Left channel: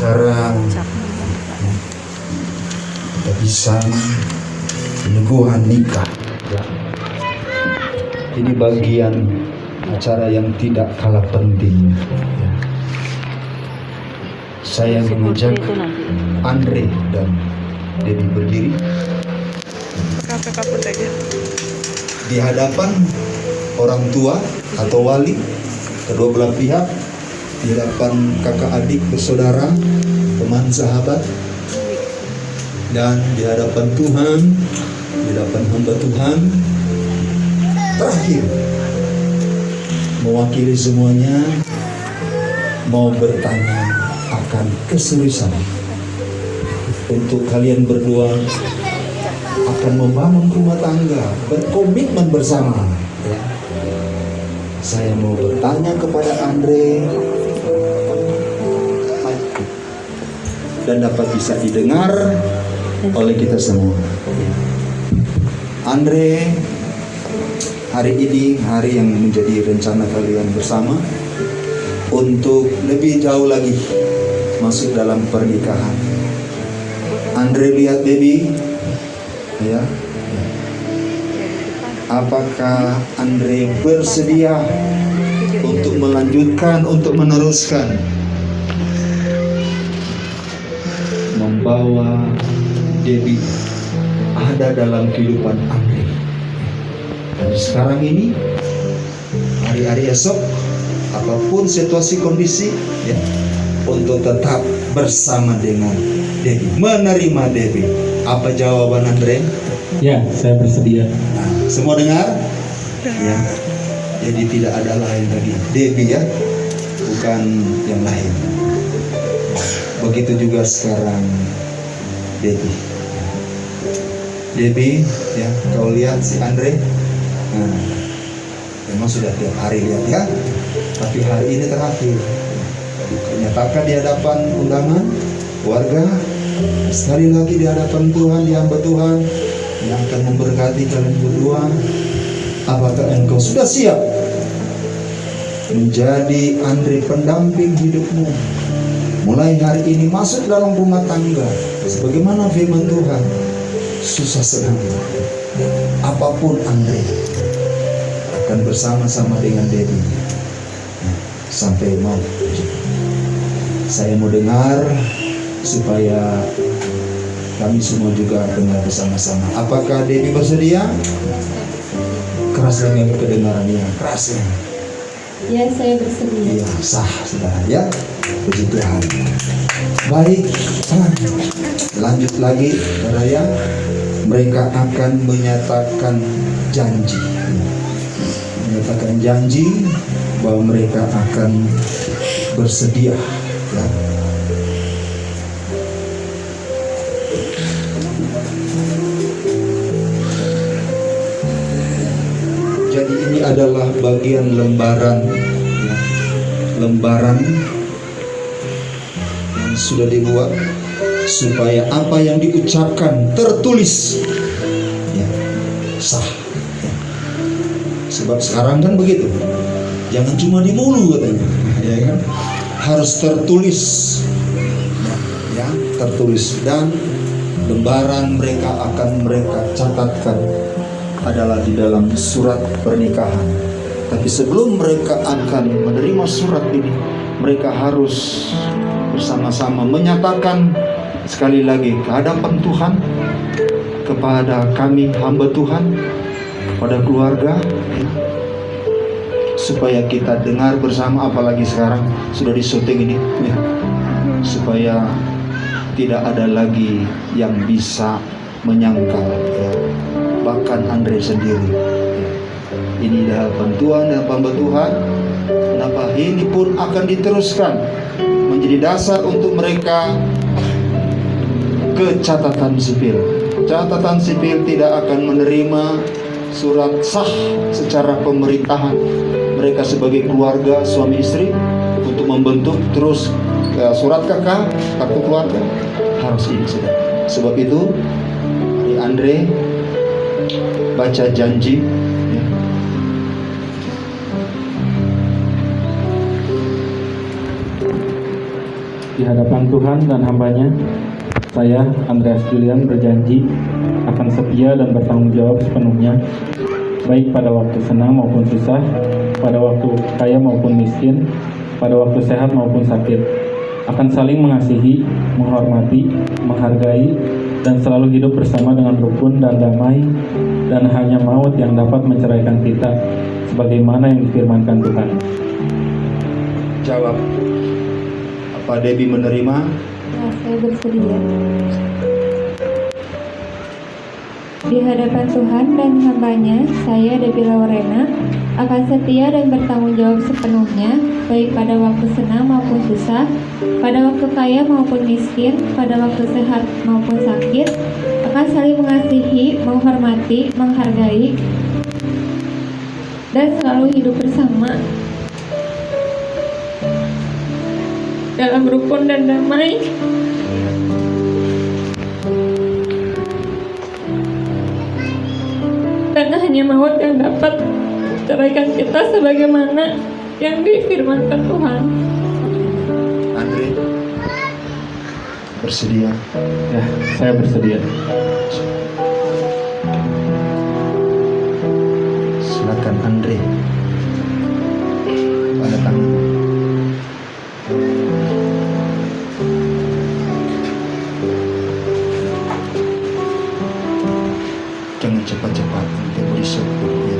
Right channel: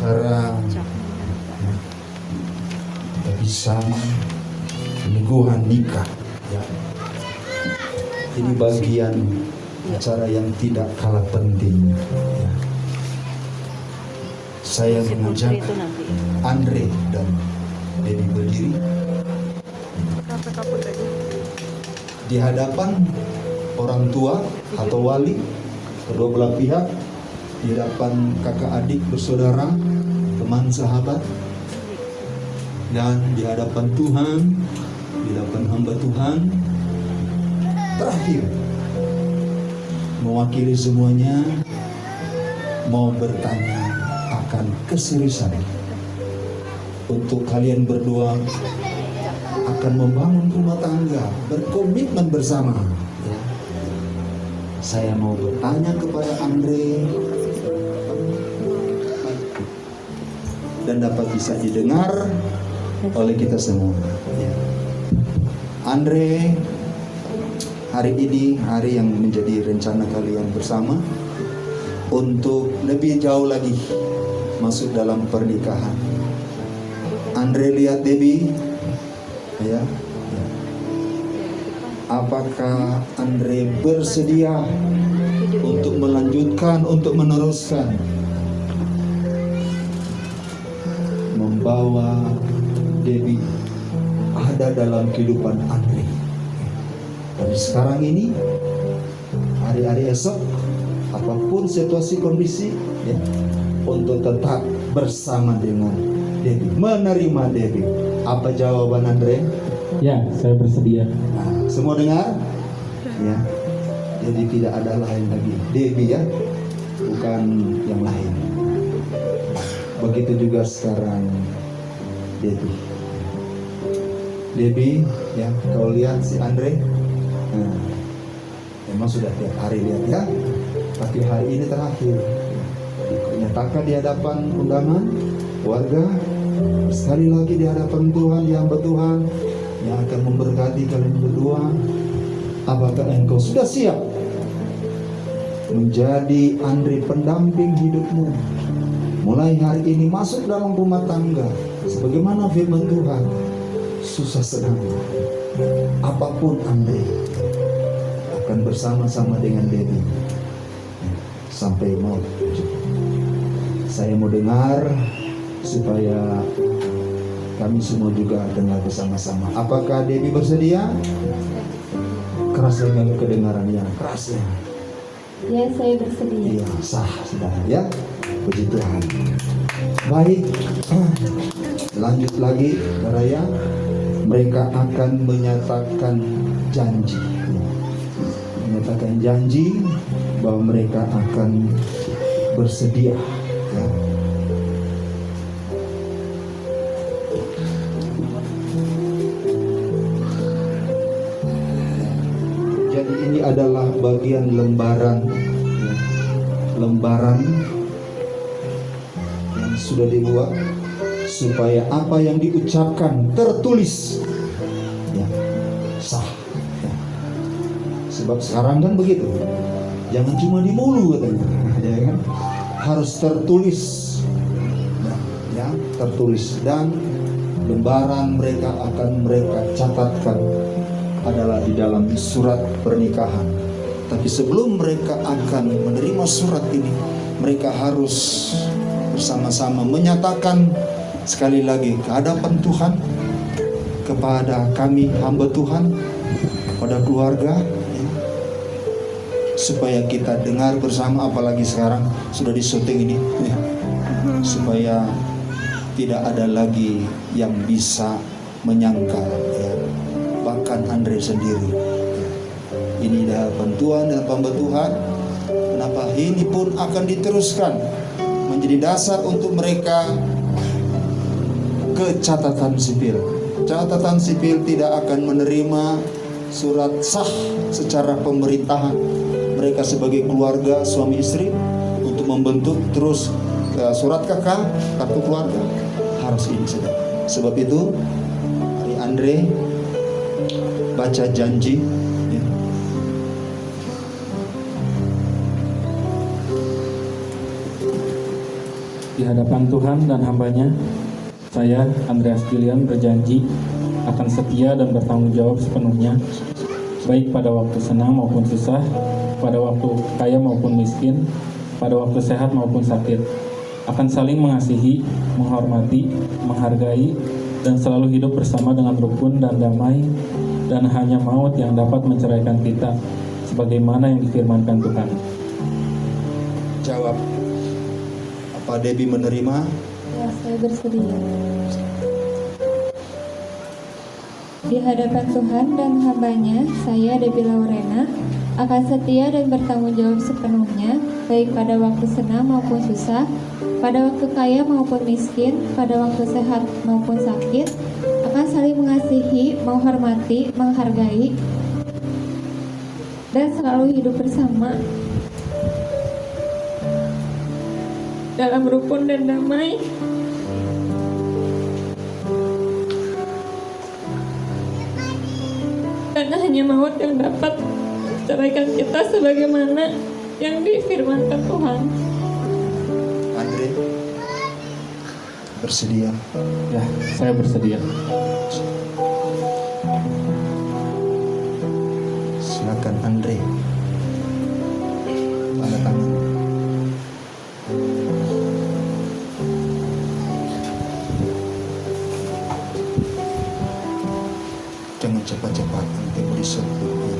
cara kita bisa peneguhan nikah ya. Ini bagian acara yang tidak kalah penting ya. Saya mengajak Andre dan Debbie berdiri di hadapan orang tua atau wali kedua belah pihak, di hadapan kakak adik bersaudara, teman sahabat, dan di hadapan Tuhan, di hadapan hamba Tuhan. Terakhir, mewakili semuanya, mau bertanya akan keseriusan untuk kalian berdua akan membangun rumah tangga, berkomitmen bersama ya. Saya mau bertanya kepada Andre dan dapat bisa didengar oleh kita semua. Andre, hari ini hari yang menjadi rencana kalian bersama untuk lebih jauh lagi masuk dalam pernikahan. Andre lihat Debbie ya. Apakah Andre bersedia untuk melanjutkan, untuk meneruskan, membawa Debbie ada dalam kehidupan Andre? Dan sekarang ini, hari-hari esok, apapun situasi kondisi, ya, untuk tetap bersama dengan Debbie, menerima Debbie. Apa jawaban Andre? Ya, saya bersedia. Nah, semua dengar? Ya. Jadi tidak ada lain lagi Debbie ya, bukan yang lain. Begitu juga sekarang Debbie. Debbie, ya, kau lihat si Andre. Nah, memang sudah tiap hari lihat ya, tapi hari ini terakhir. Nyatakan di hadapan undangan warga, sekali lagi di hadapan Tuhan, di hamba Tuhan yang akan memberkati kalian berdua. Apakah engkau sudah siap menjadi Andre pendamping hidupmu mulai hari ini masuk dalam rumah tangga sebagaimana firman Tuhan? Susah senang apapun Andre akan bersama-sama dengan Debbie sampai maut. Saya mau dengar supaya kami semua juga dengar bersama-sama. Apakah Debbie bersedia? Keras dengan kedengarannya, keras ya. Ya, saya bersedia. Iya, sah sudah ya. Puji Tuhan. Baik, lanjut lagi, Raya. Mereka akan menyatakan janji, bahwa mereka akan bersedia. Ya. Jadi ini adalah bagian lembaran, ya, lembaran yang sudah dibuat supaya apa yang diucapkan tertulis ya, sah ya. Sebab sekarang kan begitu, jangan cuma di mulut katanya ya kan, harus tertulis ya, tertulis. Dan lembaran mereka akan mereka catatkan adalah di dalam surat pernikahan. Tapi sebelum mereka akan menerima surat ini, mereka harus bersama-sama menyatakan sekali lagi ke hadapan Tuhan, kepada kami hamba Tuhan, pada keluarga ya, supaya kita dengar bersama, apalagi sekarang sudah disyuting ini ya, supaya tidak ada lagi yang bisa menyangkal ya. Bahkan Andre sendiri ya. Ini di hadapan Tuhan, di hadapan Tuhan, kenapa ini pun akan diteruskan menjadi dasar untuk mereka ke catatan sipil. Catatan sipil tidak akan menerima surat sah secara pemerintahan mereka sebagai keluarga suami istri untuk membentuk terus surat kakak, kartu keluarga harus ini sudah. Sebab itu di Andre baca janji ya. Di hadapan Tuhan dan hambanya, saya, Andreas Julian, berjanji akan setia dan bertanggung jawab sepenuhnya, baik pada waktu senang maupun susah, pada waktu kaya maupun miskin, pada waktu sehat maupun sakit, akan saling mengasihi, menghormati, menghargai, dan selalu hidup bersama dengan rukun dan damai, dan hanya maut yang dapat menceraikan kita, sebagaimana yang difirmankan Tuhan. Jawab. Apa Debbie menerima? Ya, saya bersedia. Di hadapan Tuhan dan hambanya, saya Debbie Laurena akan setia dan bertanggung jawab sepenuhnya, baik pada waktu senang maupun susah, pada waktu kaya maupun miskin, pada waktu sehat maupun sakit, akan saling mengasihi, menghormati, menghargai, dan selalu hidup bersama dalam rukun dan damai, karena hanya maut yang dapat menceraikan kita sebagaimana yang difirmankan Tuhan. Andre, bersedia? Ya, saya bersedia. Silakan Andre. Tanda tangan. Jangan cepat-cepat, nanti berisik. Ya.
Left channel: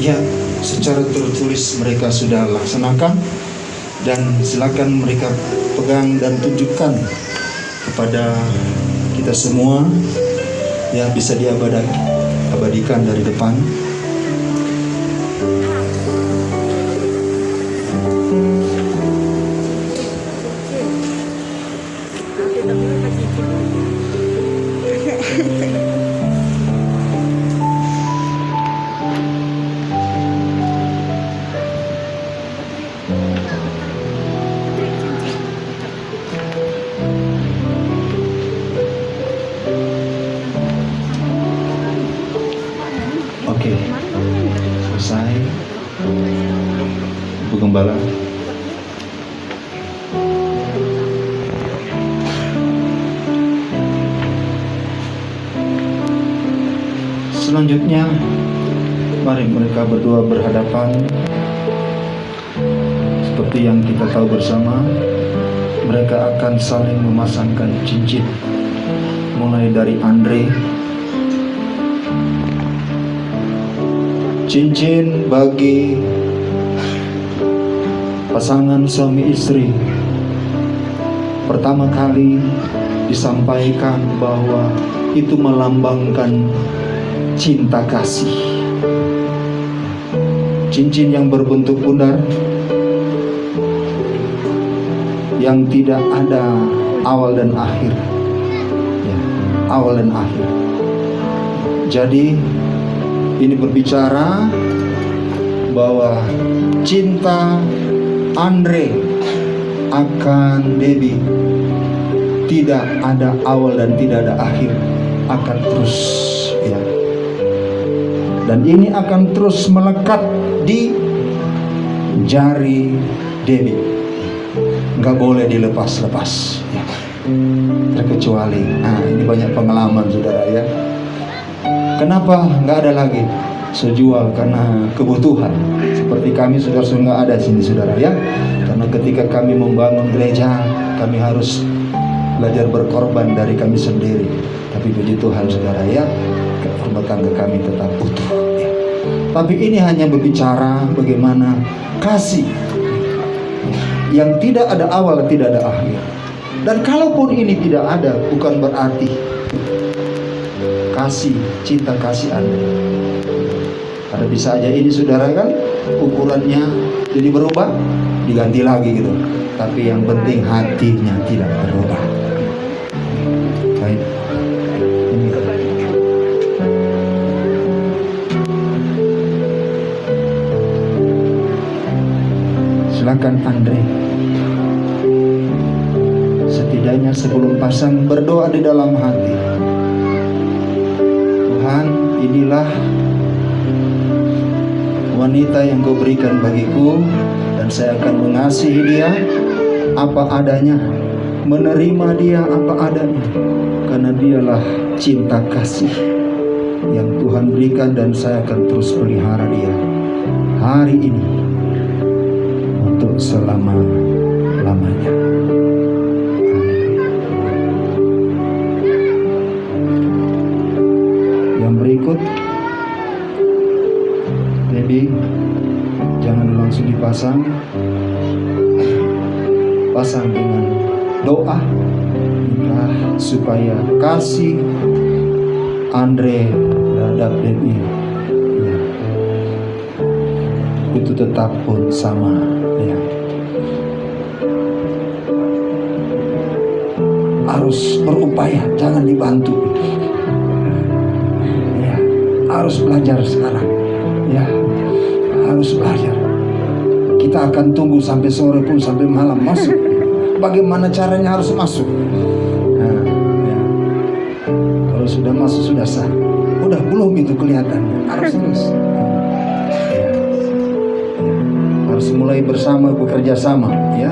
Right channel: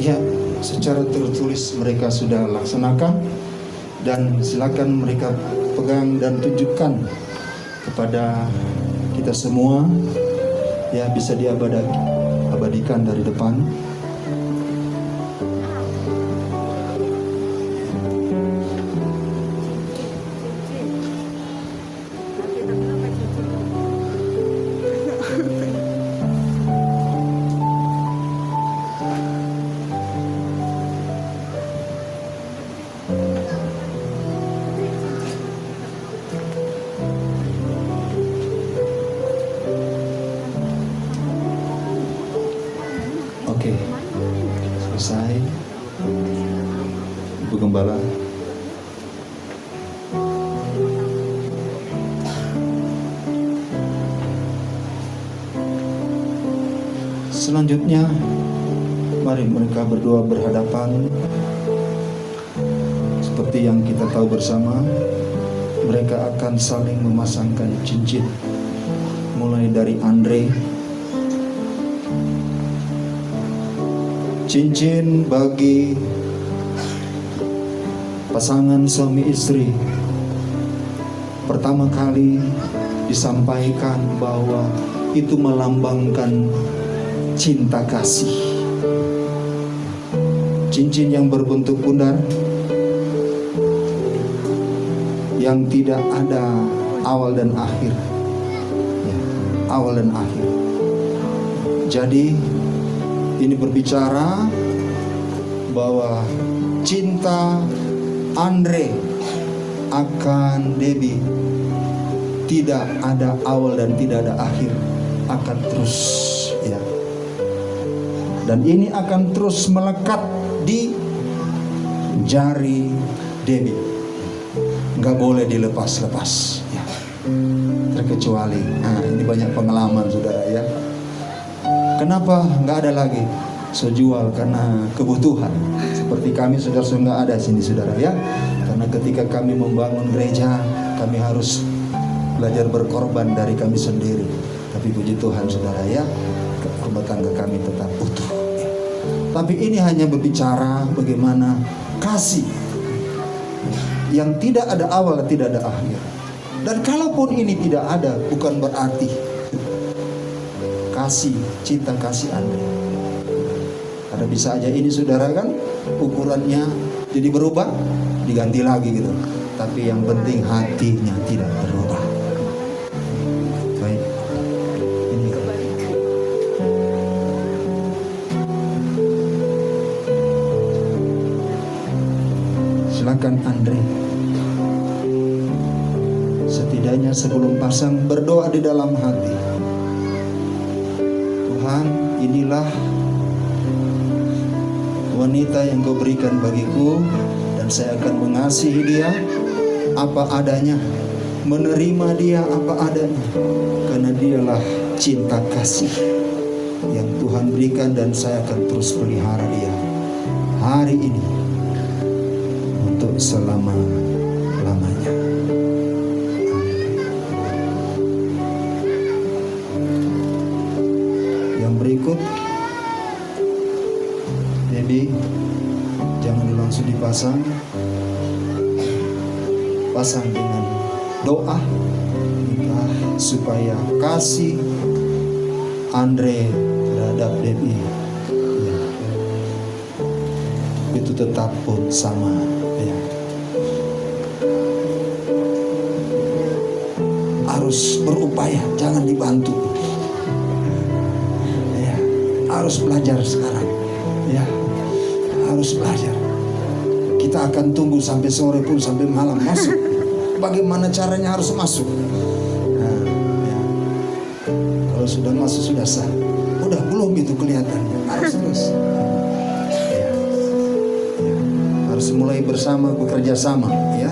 Ya, secara tertulis mereka sudah laksanakan, dan silakan mereka pegang dan tunjukkan kepada kita semua yang bisa diabadikan dari depan. Oke, selesai. Ibu Gembala. Selanjutnya, mari mereka berdua berhadapan. Seperti yang kita tahu bersama, mereka akan saling memasangkan cincin. Mulai dari Andre, cincin bagi pasangan suami istri. Pertama kali disampaikan bahwa itu melambangkan cinta kasih. Cincin yang berbentuk bundar, yang tidak ada awal dan akhir. Ya, awal dan akhir. Jadi ini berbicara bahwa cinta Andre akan Debbie tidak ada awal dan tidak ada akhir, akan terus, ya. Dan ini akan terus melekat di jari Debbie, nggak boleh dilepas-lepas, ya. Terkecuali, nah ini banyak pengalaman saudara ya. Kenapa nggak ada lagi? So jual karena kebutuhan. Seperti kami saudara-saudara nggak ada sini saudara ya. Karena ketika kami membangun gereja, kami harus belajar berkorban dari kami sendiri. Tapi puji Tuhan saudara ya, rumah tangga kami tetap utuh. Ya. Tapi ini hanya berbicara bagaimana kasih yang tidak ada awal, tidak ada akhir. Dan kalaupun ini tidak ada, bukan berarti kasih, cinta kasih Anda. Ada bisa aja ini saudara kan, ukurannya jadi berubah, diganti lagi gitu. Tapi yang penting hatinya tidak berubah. Baik. Ini. Silakan Andre. Setidaknya sebelum pasang berdoa di dalam hati. Tuhan, inilah wanita yang Kau berikan bagiku, dan saya akan mengasihi dia apa adanya, menerima dia apa adanya, karena dialah cinta kasih yang Tuhan berikan, dan saya akan terus pelihara dia hari ini untuk selama-lamanya. Yang berikut, jadi jangan langsung dipasang, pasang dengan doa minta supaya kasih Andre terhadap Debbie ya, itu tetap pun sama ya. Harus berupaya, jangan dibantu ya. Harus belajar sekarang ya, harus belajar. Kita akan tunggu sampai sore pun, sampai malam masuk. Bagaimana caranya harus masuk? Nah, ya. Kalau sudah masuk sudah sah. Udah belum itu kelihatannya. Harus terus. Ya. Ya. Harus mulai bersama, bekerja sama, ya.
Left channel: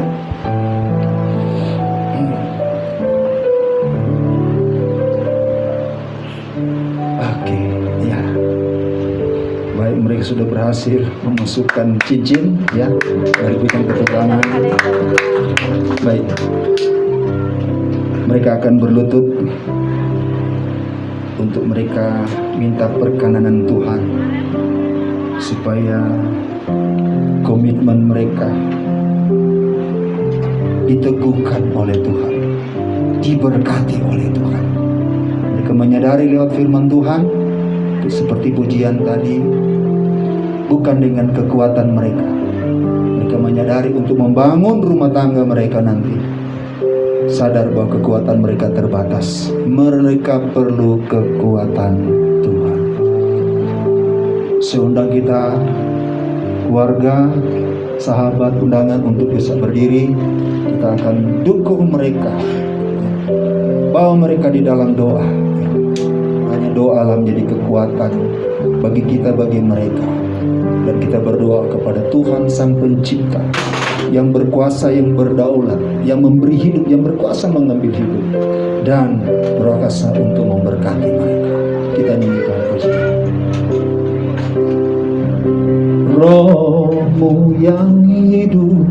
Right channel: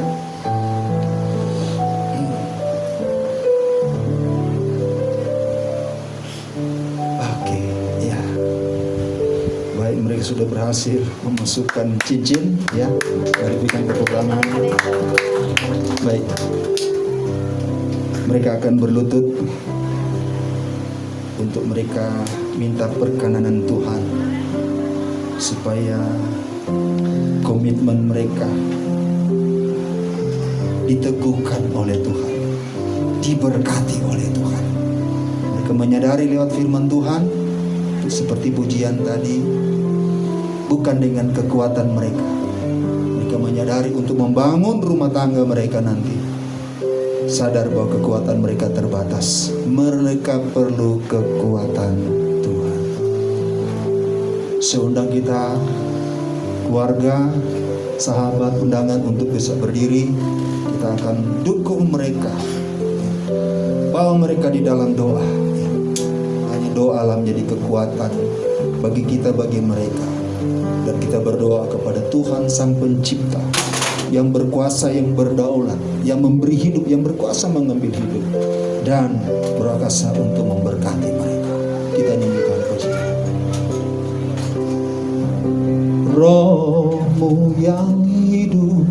Oke, ya. Baik, mereka sudah berhasil memasukkan cincin, ya, dari bidang perkapalan. Baik, mereka akan berlutut untuk mereka minta perkenanan Tuhan supaya komitmen mereka diteguhkan oleh Tuhan, diberkati oleh Tuhan. Mereka menyadari lewat firman Tuhan, seperti pujian tadi, bukan dengan kekuatan mereka. Mereka menyadari untuk membangun rumah tangga mereka nanti, sadar bahwa kekuatan mereka terbatas. Mereka perlu kekuatan Tuhan. Seundang kita, keluarga, sahabat, undangan untuk bisa berdiri. Kita akan dukung mereka, bawa mereka di dalam doa. Hanya doa lah menjadi kekuatan bagi kita, bagi mereka. Dan kita berdoa kepada Tuhan Sang Pencipta, yang berkuasa, yang berdaulat, yang memberi hidup, yang berkuasa mengambil hidup, dan berkuasa untuk memberkati mereka. Kita nyanyikan pujian. Rohmu yang hidup